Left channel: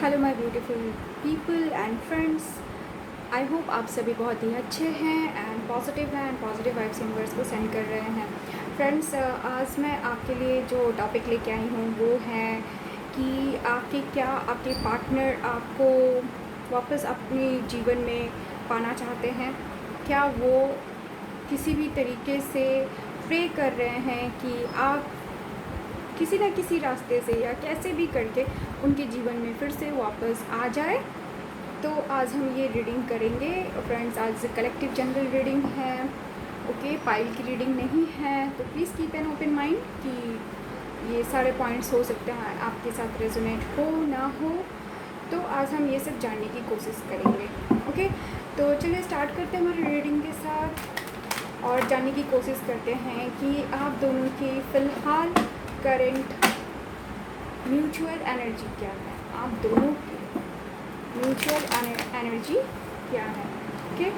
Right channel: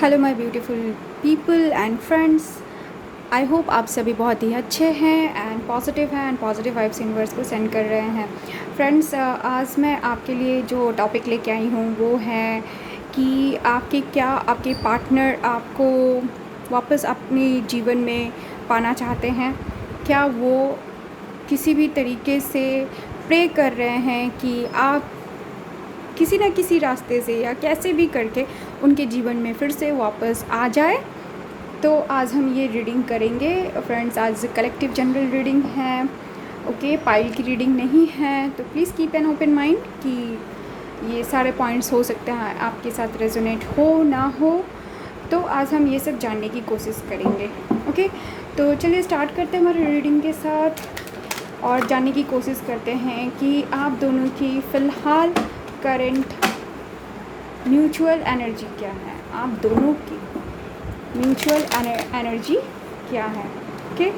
Hello my beautiful people and friends. I hope आप सभी बहुत ही अच्छे हैं एंड पॉजिटिव हैं एंड पॉजिटिव वाइब्स यूनिवर्स को सेंड कर रहे हैं। फ्रेंड्स, आज मैं आपके लिए जो टॉपिक लेके आई हूँ वो है कि आपके पार्टनर आपको वापस अपने जीवन में पाना चाहते हैं। क्या वो किसी भी तरीके से प्रे कर रहे हैं कि आप किसी न किसी रास्ते से या कैसे भी करके उनके जीवन में फिर से वापस आ जाए। तो आज हम ये रीडिंग करेंगे फ्रेंड्स। आज कलेक्टिव जनरल रीडिंग है, ओके, पाइल की रीडिंग नहीं है। तो please keep an open mind कि ये सारे पॉइंट्स हो सकते हैं आपके साथ रेजोनेट हो ना हो। तो आज हम ये सब जानने की कोशिश करेंगे, ओके। तो चलिए स्टार्ट करते हैं हमारी रीडिंग के साथ और जानने की कोशिश करते हैं कि आप दोनों की फ़िलहाल करंट म्यूचुअल एनर्जी क्या है। आप दोनों की म्यूचुअल एनर्जी क्या है, ओके।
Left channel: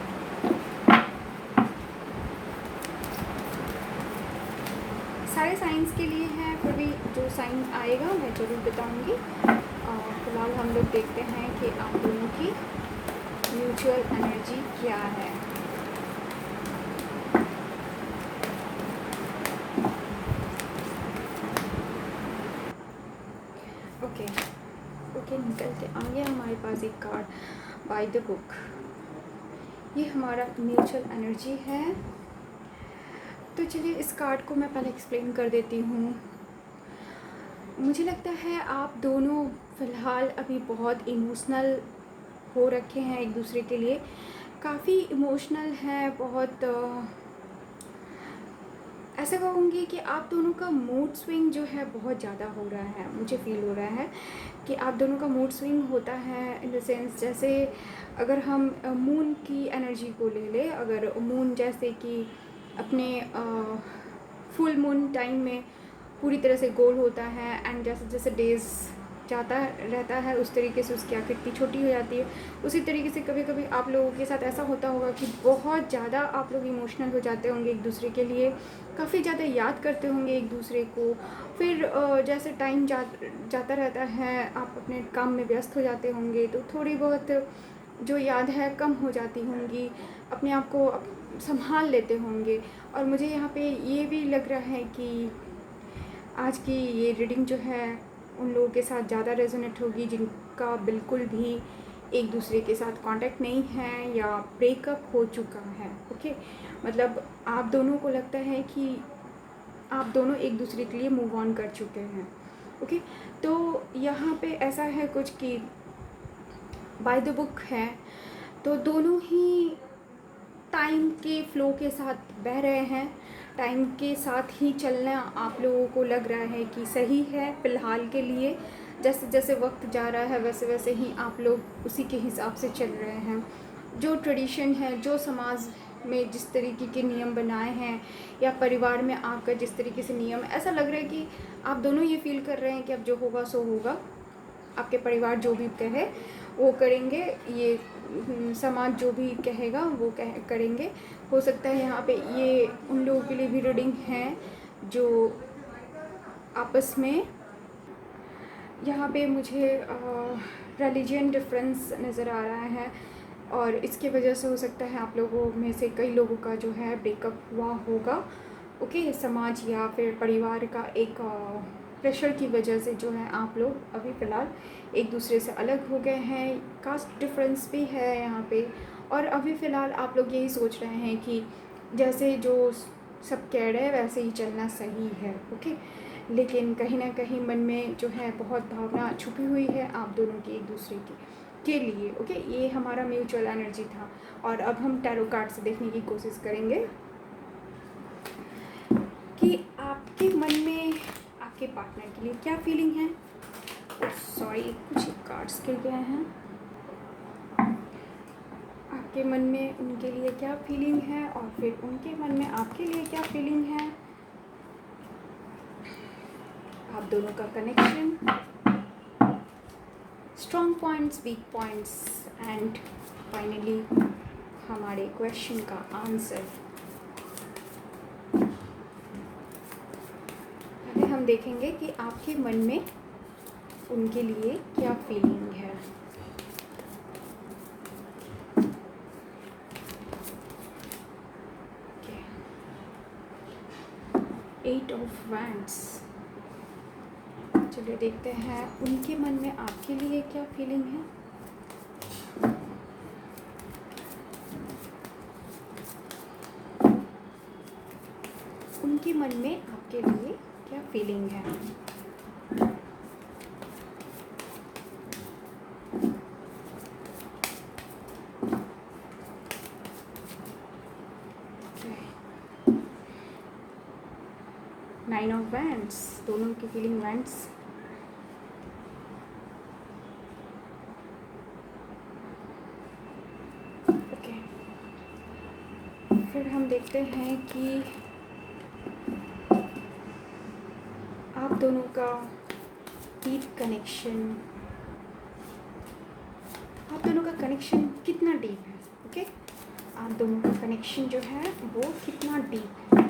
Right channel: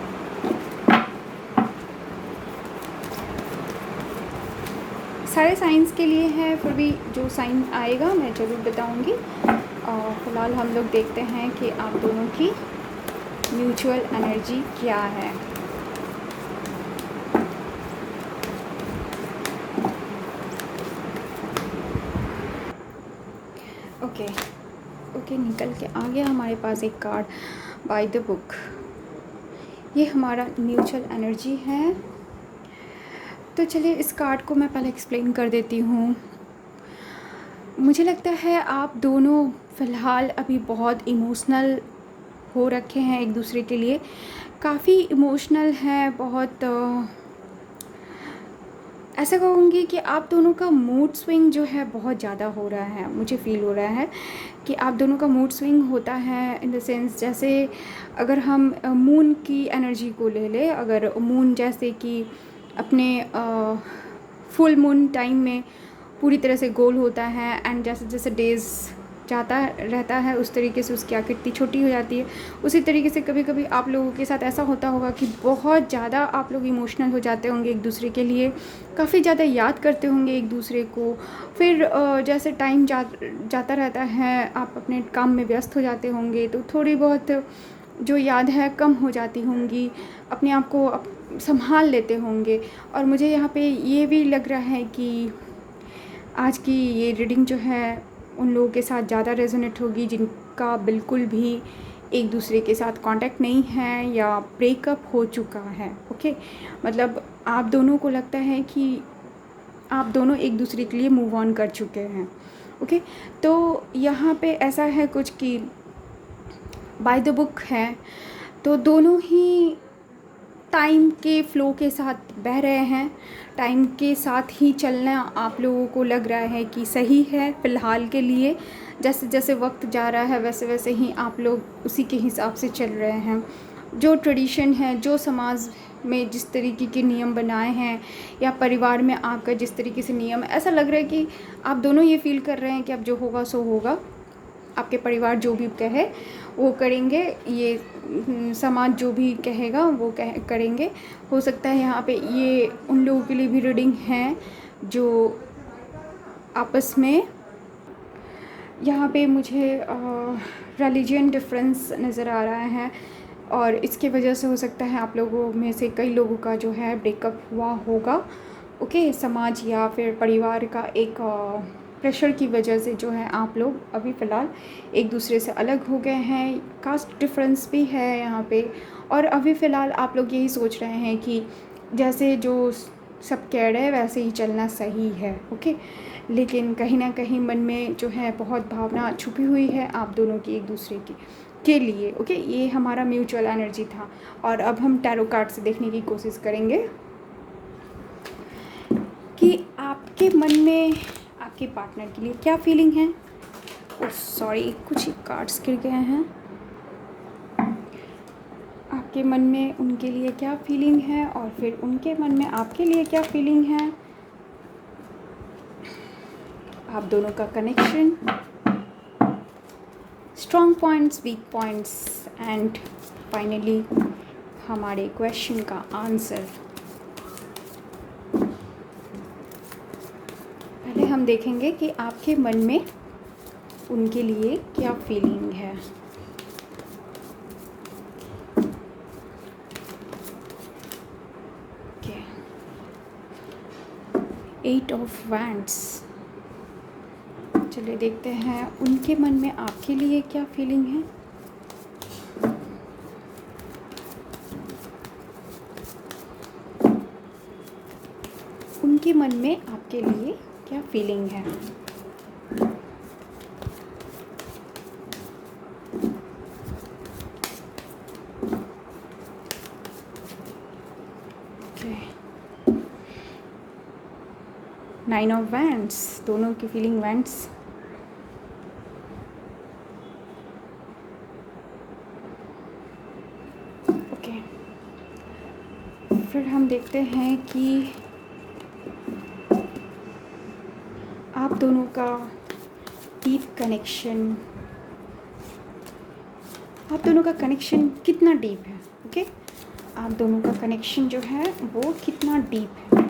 सारे साइंस के लिए है, फिर भी जो साइन आएगा मैं ज़रूर बताऊंगी। और फिलहाल हम लोग देखते हैं कि आप दोनों की म्यूचुअल एनर्जी क्या है। ओके, निकल के आ गया हमारे पास एक कार्ड, बाय द बुक। ये हमारा म्यूचुअल एनर्जी है। तो चलिए इस कार्ड को मैं पहले एक्सप्लेन कर देती हूँ। मुझे लगता है आप दोनों फ़िलहाल अभी बहुत इमोशनल हो रखे हैं एक दूसरे के लिए, काफ़ी इमोशनल हैं। बहुत ऐसा कहूँगी कि आप दोनों का मूड स्विंग जो है बहुत ज़्यादा हो रहा है। मुझे फ़ील हो रहा है कि आप दोनों का मूड स्विंग होता है इन द सेंस, जैसे अगर हम मून की एनर्जी को ले लें। अगर मून जैसे कि अपने फुल मून टाइम में पूरी तरह से गोल होता है एंड जैसे जैसे डेज़ जाता रहता है उस तरीके से उसकी आकृति छोटी हो जाती है। उसी तरीके से कभी कभी आप लोगों के साथ ऐसा होता होगा कि बहुत ज़्यादा आप लोग इमोशनल हो जाते होंगे एक दूसरे के लिए, काफ़ी ज़्यादा याद करते होंगे एक दूसरे को। फिर जैसे टाइम जाता रहता है आप अपने काम में व्यस्त हो जाते होंगे, तो थोड़ी बहुत जो याद है कम हो जाती होंगी, अपने आप को संभाल लेते होंगे। और मुझे यहाँ पे ये भी लग रहा है कि आज की ये रीडिंग जो है उन लोगों के साथ ज़्यादा रेजोनेट होगी जिनका बिल्कुल भी एक दूसरे के साथ कांटेक्ट नहीं है या ब्रेकअप हो चुका है, ओके। मतलब आप दोनों को लगता है कि आप दोनों एक दूसरे के लिए मूव ऑन कर चुके हैं, ओके। तो यहाँ पे ऐसा है कुछ कि बाय द बुक है, तो दोनों ही टाइम के फ़्लो के साथ बह रहे हैं। टाइम के साथ ही चलना आप लोगों को लग रहा है कि सही है फ़िलहाल के लिए। जैसे जैसे वक्त जा रहा है वैसे वैसे ही आप लोग उसी के हिसाब से चल रहे हैं। जो ट्रेडिशन है, जो समाज में जिस तरीके के नियम बनाए हैं या परिवार में आपका जिस तरीके से नियम, ऐसा लग रहा है कि आप दोनों ये फील कर रहे हैं कि अब जो होगा सो होगा। आपके परिवार जो भी कहे वो करेंगे, ये समाज जो भी कहेगा वो करेंगे। हो सकता है यहाँ पे ये उन लोगों के लिए भी रीडिंग है जो आपस में, यहाँ पे मुझे रिलीजन डिफरेंस नज़र आ रहा है और इसकी वजह से हो सकता है आप लोगों में से कई लोगों का जो है ब्रेकअप हुआ होगा, ओके। समाज या फिर परिवार का एक प्रेशर की वजह से जो है आप लोग अभी फ़िलहाल एक दूसरे से अलग हो गए हैं। कास्ट डिफरेंस भी है यहाँ पे। और अभी फ़िलहाल आप लोग यही सोच रहे हैं कि जैसे जो सब कह रहे हैं वैसे ही चलना सही है, ओके। लेकिन कहीं ना कहीं मन में जो है बहुत भावना छुपी हुई है आप दोनों की एक दूसरे की के लिए, ओके। ये हमारा म्यूचुअल एनर्जी था। और अब हम टैरो कार्ड से देखने की कोशिश करेंगे कि आपके मन में आपके पार्टनर के लिए क्या फीलिंग है। सॉरी, कुछ कार्ड्स गिर गए हैं। आपके मन में उनके लिए क्या फीलिंग है और फिर उनके मन में आपके लिए क्या फीलिंग है। आप दोनों का connection, strong points, weak points and finally हमारे क्वेश्चन का आंसर। पहले हम देखेंगे कि आपके मन में उनके लिए क्या फीलिंग है। Okay, 8 of wands. चलिए देखते हैं उनके मन में आपके लिए क्या फीलिंग है। उनके मन में आपके लिए क्या फीलिंग है। ओके, 9 ऑफ वैंड्स, दोनों की फीलिंग वैंड्स। ओके, फिर हम देखते हैं कि आप दोनों का डीप कनेक्शन, आप दोनों का कनेक्शन कितना डीप है। ओके, आप दोनों का कनेक्शन जो है वो कितना डीप है।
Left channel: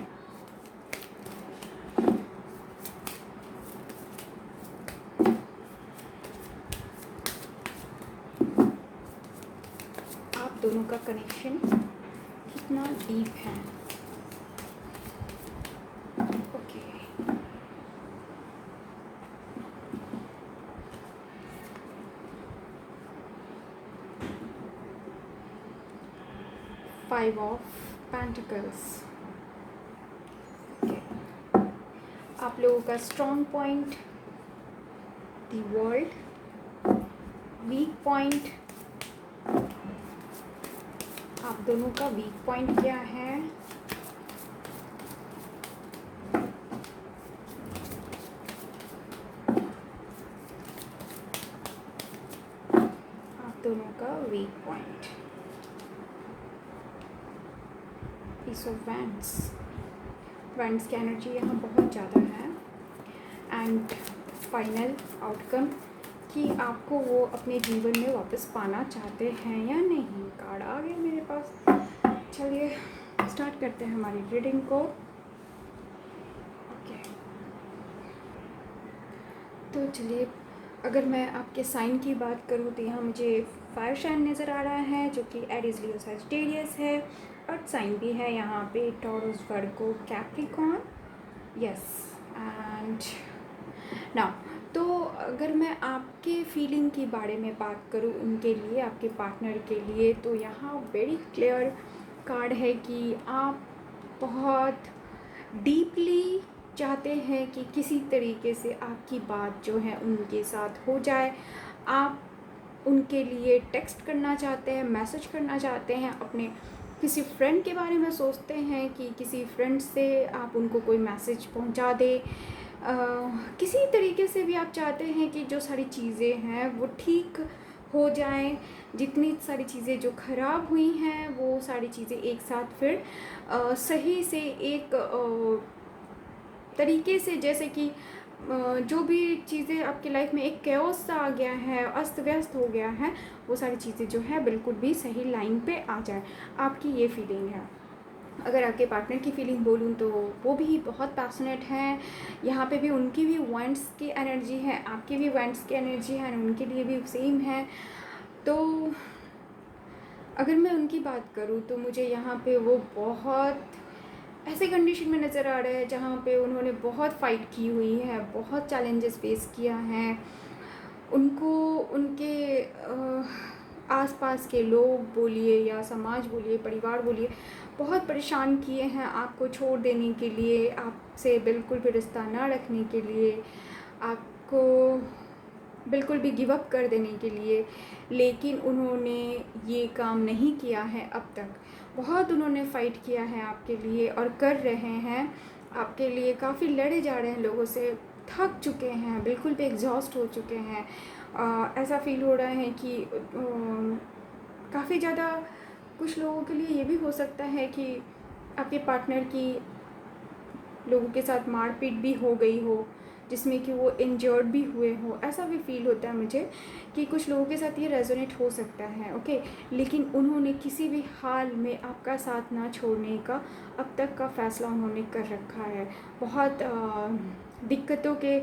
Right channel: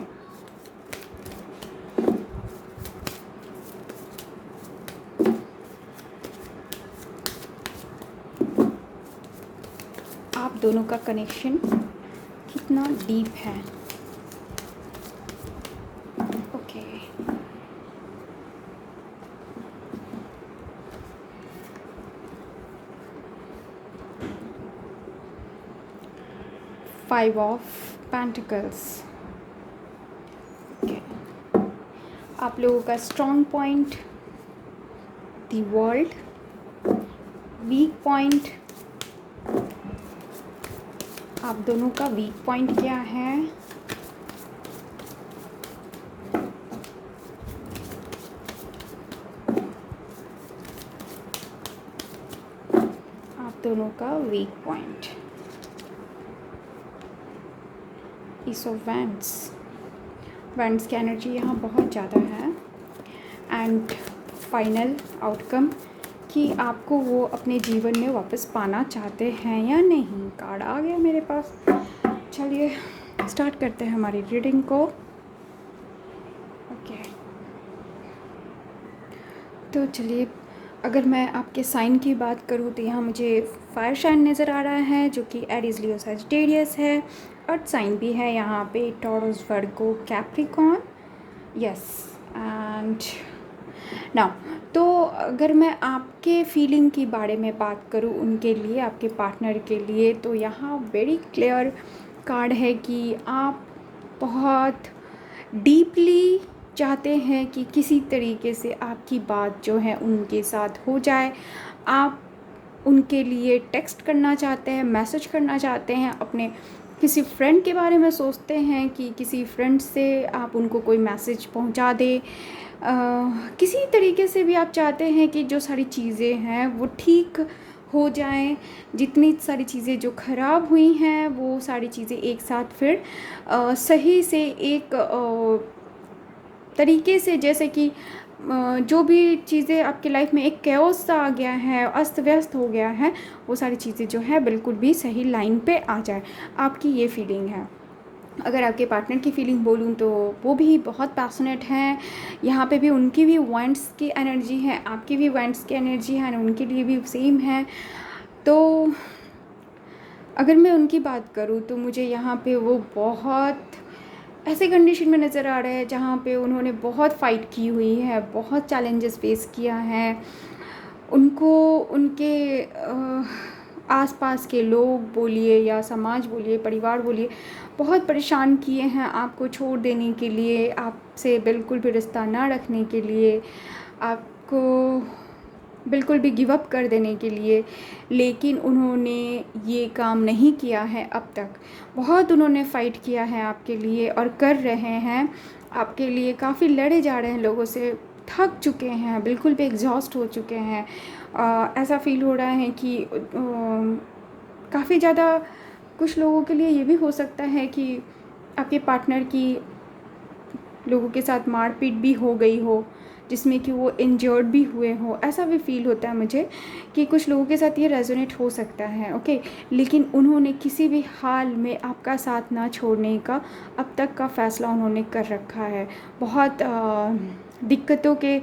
आप दोनों का कनेक्शन कितना डीप है। Okay, five of pentacles. Okay, आप लोगों का strong point the world, weak point, आप दोनों का वीक पॉइंट क्या है। आप दोनों का weak point, is of wands. Wands की एनर्जी यहाँ बहुत ज़्यादा है। एंड फाइनल आउटकम कि आपको वो अपने जीवन में वापस पाना चाहते हैं या नहीं। कार्ड आ गया मेरे पास। चलिए स्टार्ट करते हैं हमारी रीडिंग को। ओके, तो चलिए अगर मैं आपके साइन की बात करूँ तो यहाँ मुझे फायर साइन नज़र आ रहा है जो कि एरीज, लियो, सजिटेरियस है। अर्थ साइन भी है यहाँ पे, taurus, Virgo, Capricorn. Yes, and now तो अगर मैं आपके फीलिंग के बारे में बात करूँ उनके लिए, आपके पार्टनर के लिए, तो यहाँ वेरी क्लियर कार्ड है कि आप बहुत डीपली चाहते हैं कि किसी तरीके से आपकी बात जो है उनके साथ हो जाए। आप उनके लिए टेक्स्ट करना चाहते हैं, मैसेज करना चाहते हैं, अपने किसी फ्रेंड के बारे में सोचते हैं कि किसी फ्रेंड से आप उनको कोई मैसेज पहुंचा दें। किसी तरीके से भी आप चाहते हैं कि जो सारी चीज़ें हैं वो ठीक हो जाएं, जितनी सारी चीज़ें जो ख़राब हुई हैं वो सारी चीज़ें एक साथ फिर सही से एक तरीके से, जैसे कि जो भी चीज़ें आपकी लाइफ में एक कैओस सा आ गया है, अस्त व्यस्त हो गया है, वो सारी चीज़ें जो है बिल्कुल भी सही लाइन पे आ जाए। आपकी ये फीलिंग है। अगर आपके पार्टनर की फीलिंग बोलूँ तो वो भी बहुत पैशनेट हैं। यहाँ पे भी उनकी भी वांट्स की एनर्जी है, आपकी भी वांट्स की एनर्जी है, उनके लिए भी सेम है। तो अगर मैं उनकी बात करूँ तो मुझे यहाँ पे वो बहुत ऐसे कंडीशन में नज़र आ रहा है जहाँ पे उन्होंने बहुत फ़ाइट की हुई है, बहुत चैलेंजेस फेस किया है। उनको उनके आसपास के लोग बोलिए या समाज बोलिए, परिवार बोलिए, बहुत परेशान किए हैं आपको छोड़ देने के लिए, आपसे बिल्कुल भी रिश्ता ना रखने के लिए, आपको बिल्कुल भी गिव अप कर देने के लिए। लेकिन उन्होंने ये काम नहीं किया है अब तक। बहुत उन्होंने फ़ाइट किया है आपके लिए और कर रहे हैं आपके लिए, काफ़ी लड़े जा रहे हैं लोगों से, थक चुके हैं, बिल्कुल भी एग्जॉस्ट हो चुके हैं। ऐसा फील हो रहा है कि काफ़ी ज़्यादा कुछ लोगों के लिए ये भी हो सकता है कि आपके पार्टनर की लोगों के साथ मारपीट भी हो गई हो, जिसमें कि वो इंजर्ड भी हुए हो। ऐसा भी फील होता है मुझे कि कुछ लोगों के साथ ये रेजोनेट हो सकता है। ओके, लेकिन उन्होंने किसी भी हाल में आपका साथ ना छोड़ने का अब तक का फ़ैसला उन्होंने कर रखा है। बहुत दिक्कतों के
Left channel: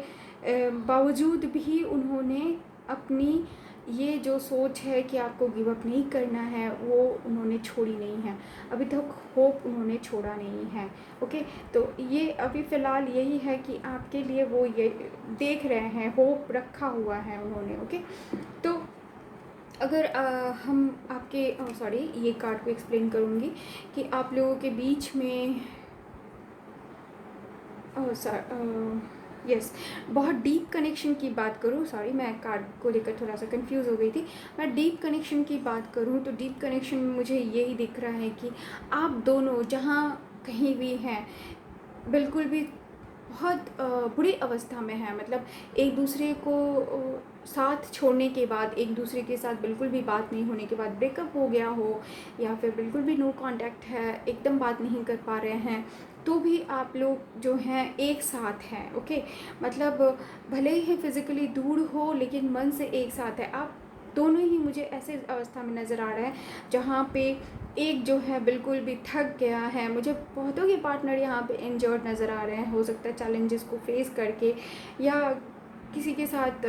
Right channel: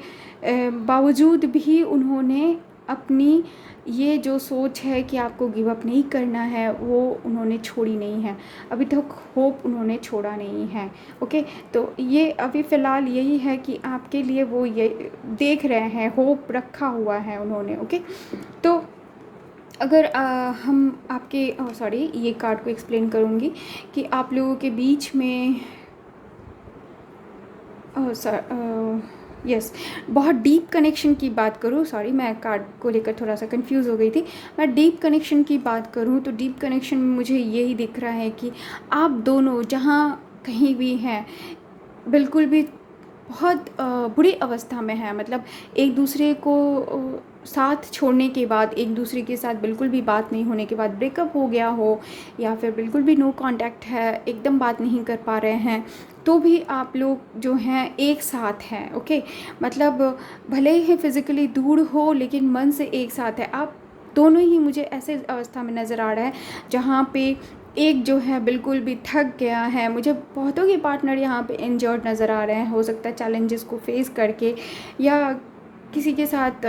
बावजूद भी उन्होंने अपनी ये जो सोच है कि आपको गिव अप नहीं करना है, वो उन्होंने छोड़ी नहीं है। अभी तक होप उन्होंने छोड़ा नहीं है। ओके, तो ये अभी फ़िलहाल यही है कि आपके लिए वो ये देख रहे हैं, होप रखा हुआ है उन्होंने। ओके, तो अगर हम आपके सॉरी ये कार्ड को एक्सप्लेन करूँगी कि आप लोगों के बीच में यस बहुत डीप कनेक्शन की बात करूँ, सॉरी मैं कार्ड को लेकर थोड़ा सा कंफ्यूज हो गई थी। मैं डीप कनेक्शन की बात करूँ तो डीप कनेक्शन में मुझे यही दिख रहा है कि आप दोनों जहाँ कहीं भी हैं, बिल्कुल भी बहुत बुरी अवस्था में है। मतलब एक दूसरे को साथ छोड़ने के बाद, एक दूसरे के साथ बिल्कुल भी बात नहीं होने के बाद ब्रेकअप हो गया हो, या फिर बिल्कुल भी नो कांटेक्ट है, एकदम बात नहीं कर पा रहे हैं, तो भी आप लोग जो हैं एक साथ हैं। ओके, मतलब भले ही फिज़िकली दूर हो लेकिन मन से एक साथ है। आप दोनों ही मुझे ऐसे अवस्था में नज़र आ रहा है जहाँ पे एक जो है बिल्कुल भी थक गया है। मुझे बहुतों के पार्टनर यहाँ पे इंजर्ड नज़र आ रहे हैं। हो सकता है चैलेंजेस को फेस करके, या किसी के साथ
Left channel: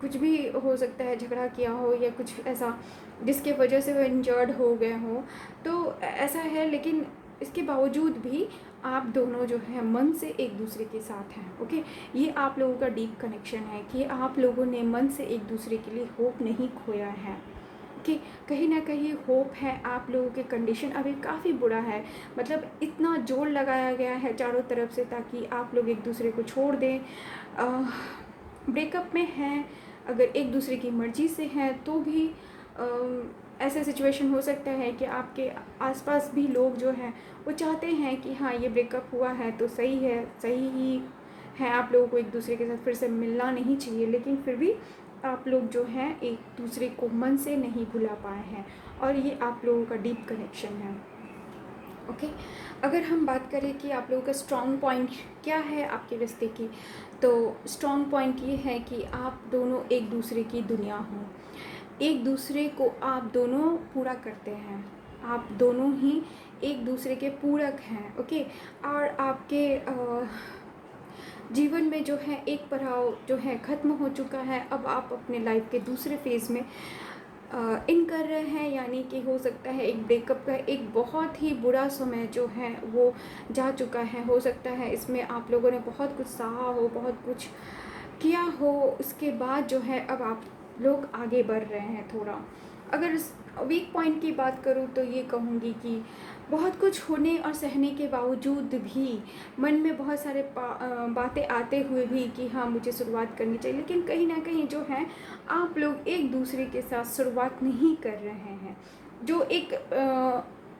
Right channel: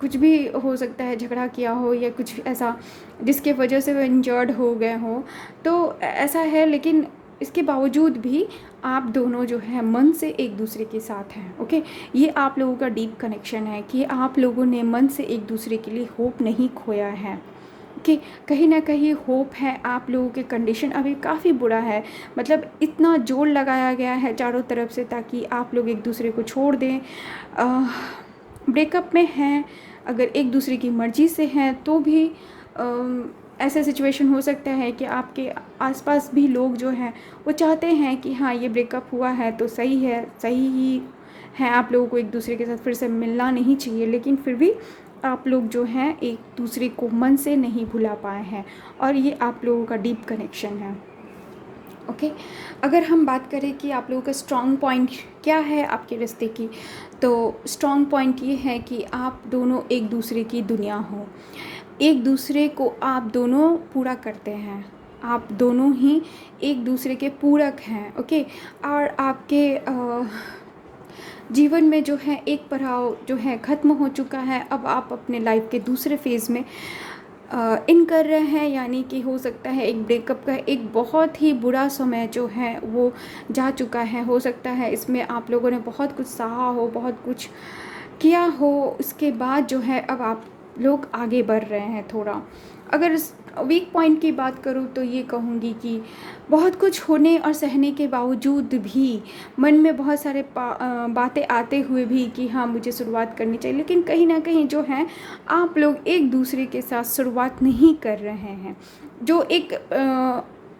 कुछ भी हो सकता है, झगड़ा किया हो या कुछ ऐसा जिसके वजह से वो इंजर्ड हो गए हों। तो ऐसा है, लेकिन इसके बावजूद भी आप दोनों जो है मन से एक दूसरे के साथ हैं। ओके, ये आप लोगों का डीप कनेक्शन है कि आप लोगों ने मन से एक दूसरे के लिए होप नहीं खोया है। कि कहीं ना कहीं होप है। आप लोगों के कंडीशन अभी काफ़ी बुरा है, मतलब इतना जोर लगाया गया है चारों तरफ से ताकि आप लोग एक दूसरे को छोड़ दें। ब्रेकअप में हैं, अगर एक दूसरे की मर्ज़ी से हैं तो भी ऐसा सिचुएशन हो सकता है कि आपके आसपास भी लोग जो हैं वो चाहते हैं कि हाँ ये ब्रेकअप हुआ है तो सही है, सही ही है, आप लोगों को एक दूसरे के साथ फिर से मिलना नहीं चाहिए, लेकिन फिर भी आप लोग जो हैं एक दूसरे को मन से नहीं भुला पाए हैं, और ये आप लोगों का डीप कनेक्शन है। ओके, अगर हम बात करें कि आप लोगों का स्ट्रॉन्ग पॉइंट क्या है आपके रिश्ते की, तो स्ट्रॉन्ग पॉइंट ये है कि आप दोनों एक दूसरे की दुनिया हो, एक दूसरे को आप दोनों पूरा करते हैं, आप दोनों ही एक दूसरे के पूरक हैं। ओके, और आपके जीवन में जो है एक पड़ाव जो है ख़त्म हो चुका है। अब आप अपने लाइफ के दूसरे फेज़ में इन कर रहे हैं, यानी कि हो सकता है एक ब्रेकअप का एक बहुत ही बुरा समय जो है वो जा चुका है। हो सकता है इसमें आप लोगों ने बहुत कुछ सहा हो, बहुत कुछ किया हो, उसके बाद जो है अब आप लोग आगे बढ़ रहे हैं थोड़ा। अगर वीक पॉइंट की बात करूँ तो ये कहूँगी कि बहुत कुछ होने और सहने के बावजूद भी मन में बहुत सारे बातें आते हुए भी कि हाँ मुझे शुरुआत करनी चाहिए, लेकिन कहीं ना कहीं जो है आप लोग एक दूसरे के साथ शुरुआत नहीं कर रहे हैं। जो एक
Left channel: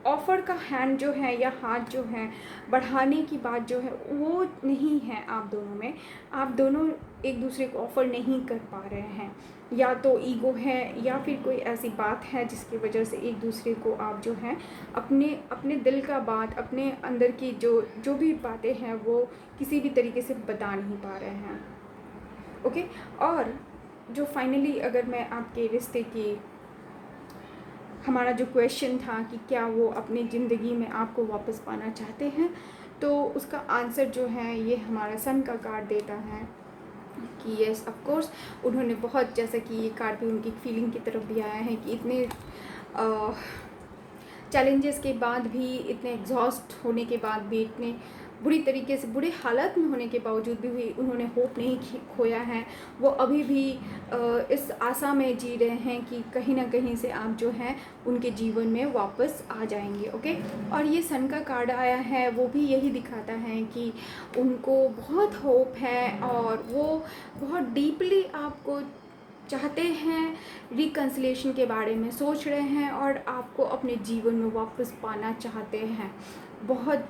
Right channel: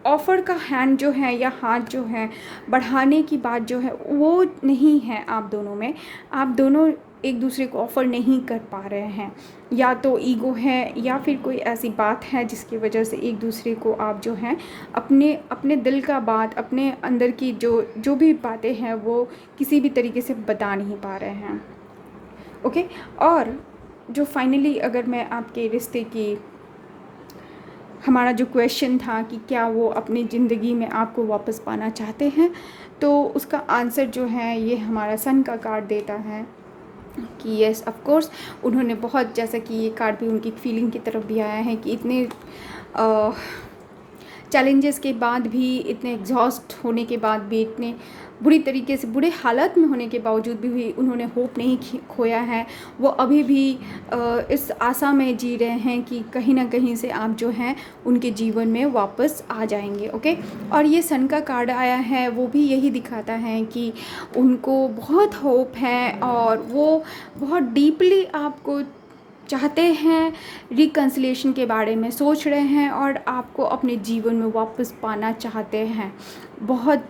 ऑफ़र का हैंड जो है या हाथ जो है बढ़ाने की बात जो है वो नहीं है आप दोनों में। आप दोनों एक दूसरे को ऑफ़र नहीं कर पा रहे हैं, या तो ईगो है या फिर कोई ऐसी बात है जिसकी वजह से एक दूसरे को आप जो है अपने अपने दिल का बात, अपने अंदर की जो जो भी बातें हैं वो किसी भी तरीके से बता नहीं पा रहे हैं। ओके, और जो फाइनली अगर मैं आपके रिश्ते की, हमारा जो क्वेश्चन था कि क्या वो अपनी ज़िंदगी में आपको वापस पाना चाहते हैं, तो उसका आंसर जो है ये हमारा सन का कार्ड देता है कि येस ऑफ कोर्स उन्होंने बहुत, जैसा कि ये कार्ड भी उनकी फीलिंग की तरफ भी आया है कि इतने चैलेंजेस के बाद भी, इतने एग्जॉस्ट होने के बाद भी, इतने बुरी तरीके से बुरे हालत में होने के बावजूद भी उन्होंने होप नहीं खोया है। वो अभी भी इस आशा में जी रहे हैं कि कहीं ना कहीं से आप जो हैं उनके जीवन में वापस आ जाएंगे। ओके, और ये सन का कार्ड आया है वो भी यही दिखाता है कि उनको बहुत होप है और वो बहुत डीपली आपको चाहते हैं, रिकन्सिलिएशन के बारे में सोच रहे हैं और आपको अपने जीवन में वापस पाना चाहते हैं। बहुत,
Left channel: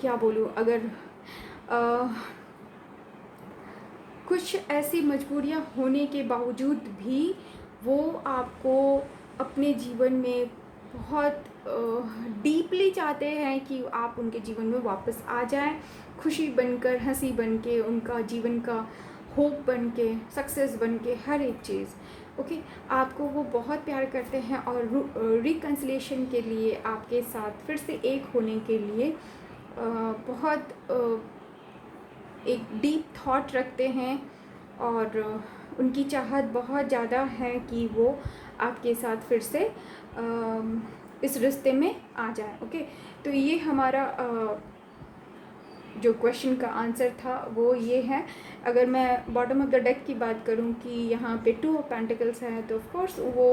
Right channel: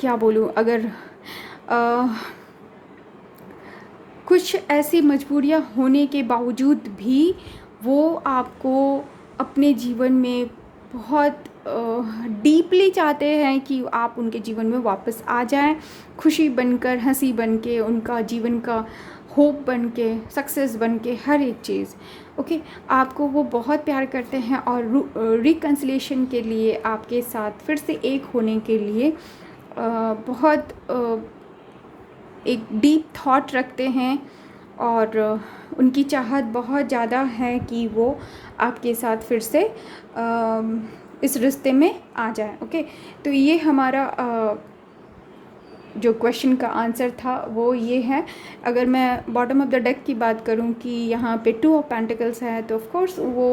क्या बोलूँ, अगर कुछ ऐसी मजबूरियां होने के बावजूद भी वो आपको अपने जीवन में बहुत डीपली चाहते हैं कि आप उनके जीवन में वापस आ जाएं, खुशी बनकर, हंसी बन के, उनका जीवन का होप बन के, सक्सेस बन के, हर एक चीज़। ओके, आपको वो बहुत प्यार करते हैं और रिकन्सिलिएशन के लिए आपके साथ फिर से एक होने के लिए बहुत एक डीप थॉट रखते हैं और उनकी चाहत बहुत ज़्यादा है कि वो आपके साथ फिर से इस रिश्ते में आ जाए। ओके, तो ये हमारा जो क्वेश्चन का आंसर था वो ये है। अगर मैं बॉटम ऑफ द डेक की बात करूं कि यहाँ पे 2 ऑफ पेंटिकल्स है तो ऑफ कोर्स वो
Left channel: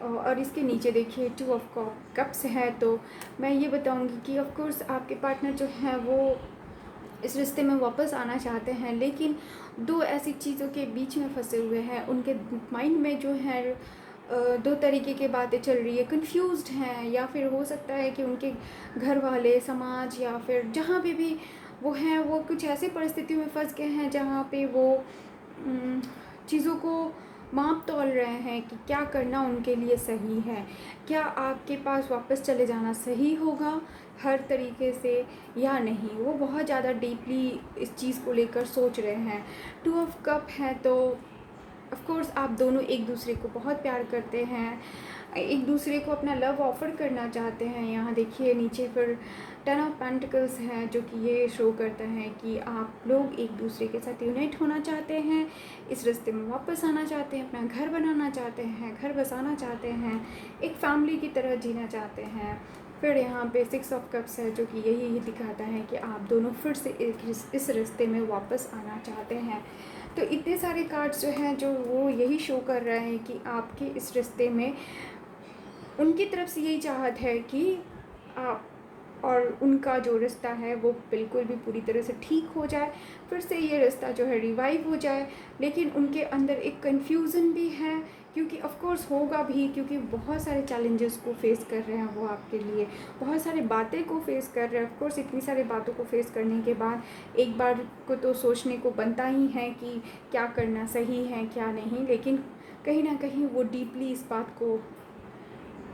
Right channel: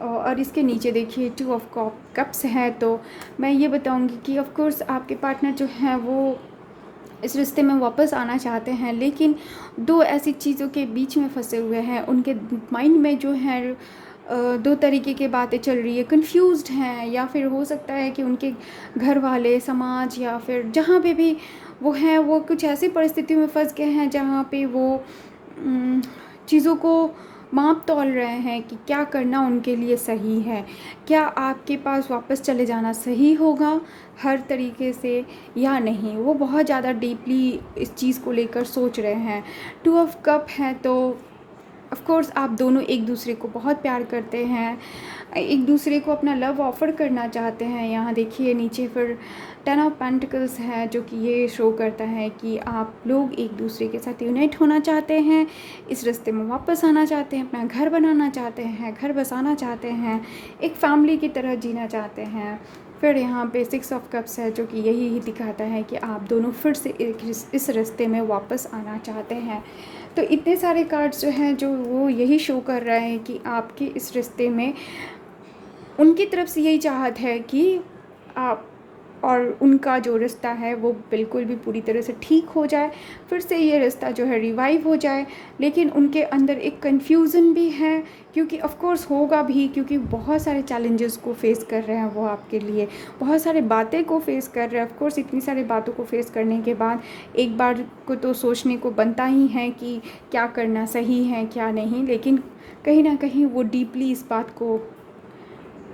और इसके नीचे देखिए 2 ऑफ कप्स है, तो मैं ये बताऊंगी कि ऑफ कोर्स आपके पार्टनर जो हैं वो इस रिश्ते में वापस आना चाहते हैं, लेकिन दो ऐसी चीज़ों के बीच में फंसे हुए हैं। उनके माइंड में जो है दो तरीके की बातें चल रही है, कंफ्यूज्ड हैं, या फिर हो सकता है कि उनके घर वाले, समाज या फिर जहाँ पे भी वो हैं वो कुछ ऐसी परिस्थितियों में फंस गए हैं जहाँ पे वो चीज़ों को माप तौल रहे हैं कि क्या करना उनके लिए सही है। क्या आपके पास वापस चले जाना सही होगा हर तरीके से या नहीं, वो बहुत ज़्यादा डीपली इस चीज़ को लेकर सोच रहे हैं। 2 ऑफ कप है तो ऑफ कोर्स आप दोनों एक दूसरे को बहुत प्यार करते हैं, एक दूसरे को अपना लव ऑफ़र करना चाहते हैं। यहाँ देखिए नीचे फिर 10 ऑफ पेंटिकल्स है जो कि ये शो करता है कि आप लोग एक दूसरे के साथ यूनाइट होना चाहते हैं, इस रिश्ते में वापस आना चाहते हैं, अपना घर बनाना चाहते हैं, घर बसाना चाहते हैं, एक फैमिली की तरह जीना चाहते हैं। फिर यहाँ पे 6 ऑफ कप्स है जो कि यही ही दिखाता है कि आप दोनों फिर से इस रिश्ते में वापस आना चाहते हैं। तो इतने सारे कार्ड्स जो हैं जो वो यही शो कर रहे हैं कि आपके इस रिश्ते में उनकी तरफ से यही चाहत है कि आप और उनका जो रिश्ता है वो बिल्कुल भी पूरी तरह से ठीक हो जाए, फिर से ये रिश्ता जो है रिवाइव हो जाए। लेकिन उनके अंदर एक कन्फ्यूज़न भी है, क्योंकि ऑफ कोर्स होगा भी, क्योंकि बहुत सारे चैलेंजेस को फेस कर रहे हैं वो आपके लिए, बहुत सारे बातें को फेस कर रहे हैं। ऑफ कोर्स इतनी सारी बातों को फेस करने के बाद एक बार को तो सोचने को बनता ही है कि क्या करना सही है क्या नहीं, लेकिन कहीं ना कहीं वो डीपली इस बात को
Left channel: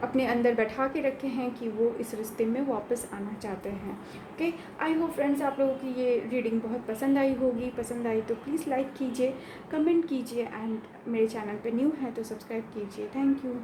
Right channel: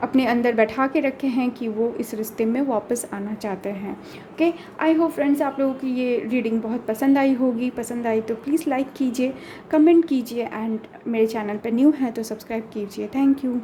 अपने अंदर बैठा के रखे हैं कि वो इस रिश्ते में वापस आना चाहते हैं। ओके, आई होप फ्रेंड्स आप लोगों की ये रीडिंग बहुत पसंद आई होगी। पसंद आई तो प्लीज़ लाइक कीजिए, कमेंट कीजिए, एंड मेरे चैनल पर न्यू है तो सब्सक्राइब कीजिए। Thank you.